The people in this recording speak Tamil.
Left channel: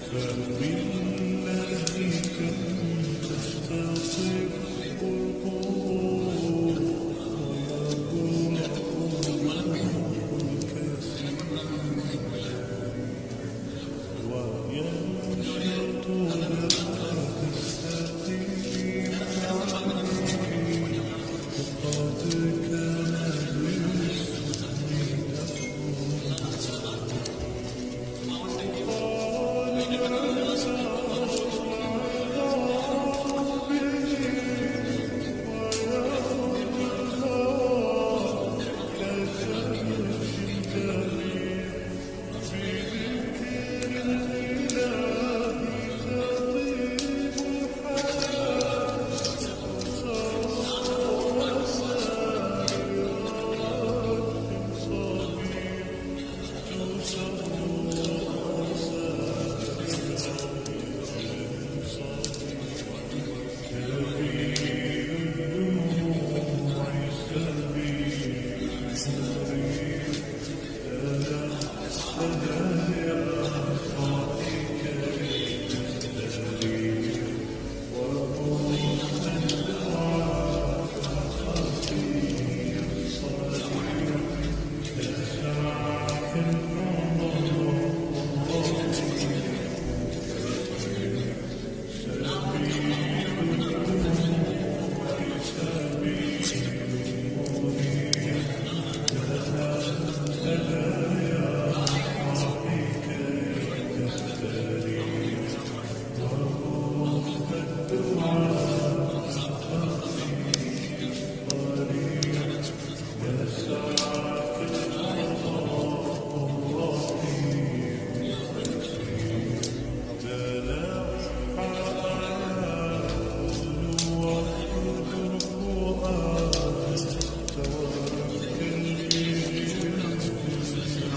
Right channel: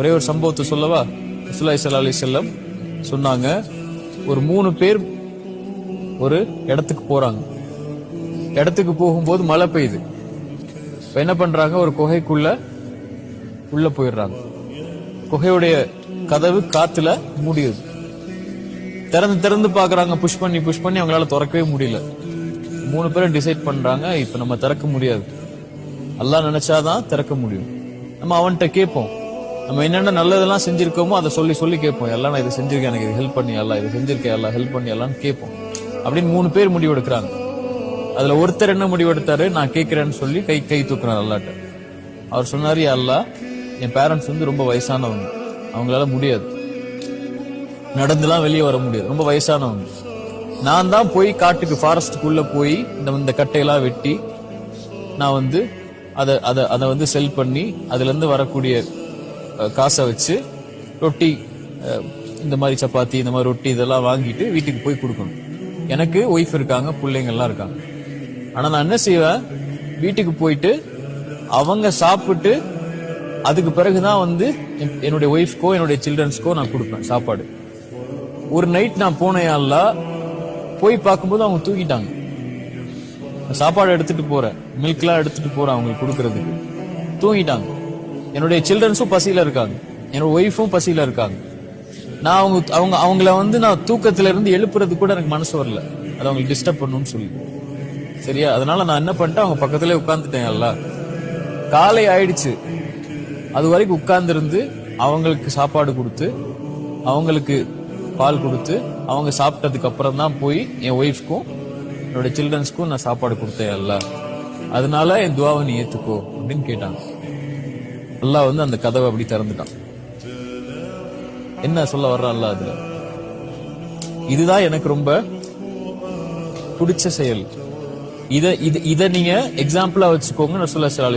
ஒரே ஒரு சம்பவத்தை சொல்லவா? ரசூலுல்லாஹி ஸல்லல்லாஹு அலைஹி வஸல்லம் சொன்னாங்க, ஒரு 3 பேர் ஒரு இடத்துக்கு போறாங்க. இடத்துக்கு போகும்போது மழை பெய்யுது. இப்ப என்ன பண்றாங்க, ஒரு குகைக்குள்ள உள்ள போயிடுறாங்க. குகையுடைய கதவு காத்துல மூடியது. திறந்து திறந்து பாக்குறாங்க, புஷ் பண்ணி அவங்களால திறக்கவே முடியல. 3 பேரும் டிசைட் பண்றாங்க, இப்ப நம்ம திறக்க முடியாது, அல்லாஹ் நினைச்சாதான் திறக்க முடியும். நம்ம அவன்கிட்ட கேட்போம், நம்ம என்னென்ன நல்லதெல்லாம் செஞ்சிருக்கோமோ அதை சொல்லி சொல்லி கேட்போம். எல்லாம் நான் இதை செஞ்சிருக்கேன், எனக்கு இது ஹெல்ப் பண்ணி எல்லாம், இது செஞ்சிருக்கேன் எல்லாம் ஹெல்ப் பண்ணி எல்லாம்னு கேட்போம். அப்படின்னு 3 பேர் முடிவு எடுக்கிறாங்க. அதுல ஒருத்தர் என்ன முடிவு எடுத்தாரு, நான் கேட்கிறேன்னு சொல்லி கை தூக்குறாரு அல்லாட்ட. அவர் சொன்னாரு, அல்லாஹ், என் பேரண்ட்ஸ் வந்து ரொம்ப வயசானவங்க, அவங்களால முடியாது, நடந்துலாம் வெளியே வர முடியாது, ரொம்ப வயசானவங்க. நான் தான் போய் காட்டுக்கு ஃபாரஸ்டுக்குள்ள போய் இந்த கட்டையெல்லாம் வெட்டி நான் வந்து அதை வந்து செல் பண்ணி அதுல இருந்து வரக்கூடிய காசை வச்சு ரொட்டி, இந்த மாதிரி சப்பாத்தி, இந்த மாதிரி ரொட்டி இதெல்லாம் வாங்கிட்டு வீட்டுக்கு போய் கொடுக்கணும். எனக்கு ஒய்ஃப் இருக்காங்க, பிள்ளைங்க எல்லாம் இருக்காங்க. ஆனா நான் என்ன செய்வேன், வீட்டுக்கு போயிட்டு அவங்க சாப்பிட்டு அதுக்கு பிறகுதான் வந்து என்னுடைய ஒய்ஃப்கோ என்னுடைய சில்ட்ரன்ஸ்க்கோ நான் கொடுப்பேன் சாப்பாடு. ஒரு நைட் நான் போனேன், அல்லாஹ், போய் பார்க்கும்போது அவங்க தூக்கிட்டாங்க. சாப்பாடு எடுத்துட்டு போறேன், மில்க்லாம் எடுத்துட்டு போறேன் அவங்களுக்கு கொடுக்கறதுக்கு, தூங்கிட்டாங்க. என்னுடைய சில்ட்ரன்ஸும் பசியில இருக்காங்க, என்னோட ஒய்ஃபும் பசியில இருக்காங்க. நான் அவங்கள வந்து நான் தூக்கத்துல இருந்து எழுப்புறது கூட எனக்கு மனசு வரல, அதை அவங்களுக்கு டிஸ்டர்ப் பண்ணணும்னு சொல்லி. சரியா? அதனால நான் என்ன பண்ணிட்டேன், அவங்க பக்கத்துல உட்கார்ந்துட்டேன். எல்லாம் காலை ஆயிடுச்சு, அது வரைக்கும் உட்கார்ந்து இருந்து அவங்களுக்கு சாப்பாடு கொடுத்து அவங்களுக்கு பால் கொடுத்து அவங்க சாப்பிட்டதுக்கு அப்புறம் தான் போய் என் ஒய்ஃப்க்கும் என்னோட சில்ட்ரன்ஸ்க்கும் நான் சாப்பாடு கொடுத்தேன். எல்லாம் அதனால என் துவாவை நீ ஏத்துக்கோ அப்படின்னு கேட்டாங்க. அல்லாஹ் வந்து அந்த கதவை அப்படி திறந்துட்டான். என்ன சொல்ல வர்றான் அல்லாஹ்? அது இதுதான் எனக்கு ரொம்ப பிடிச்ச செயல். இத நீங்க எக்ஸாம்பிளா வச்சுக்கோங்க. ரசூலுல்லாஹி ஸல்லல்லாஹு அலைஹி வஸல்லம்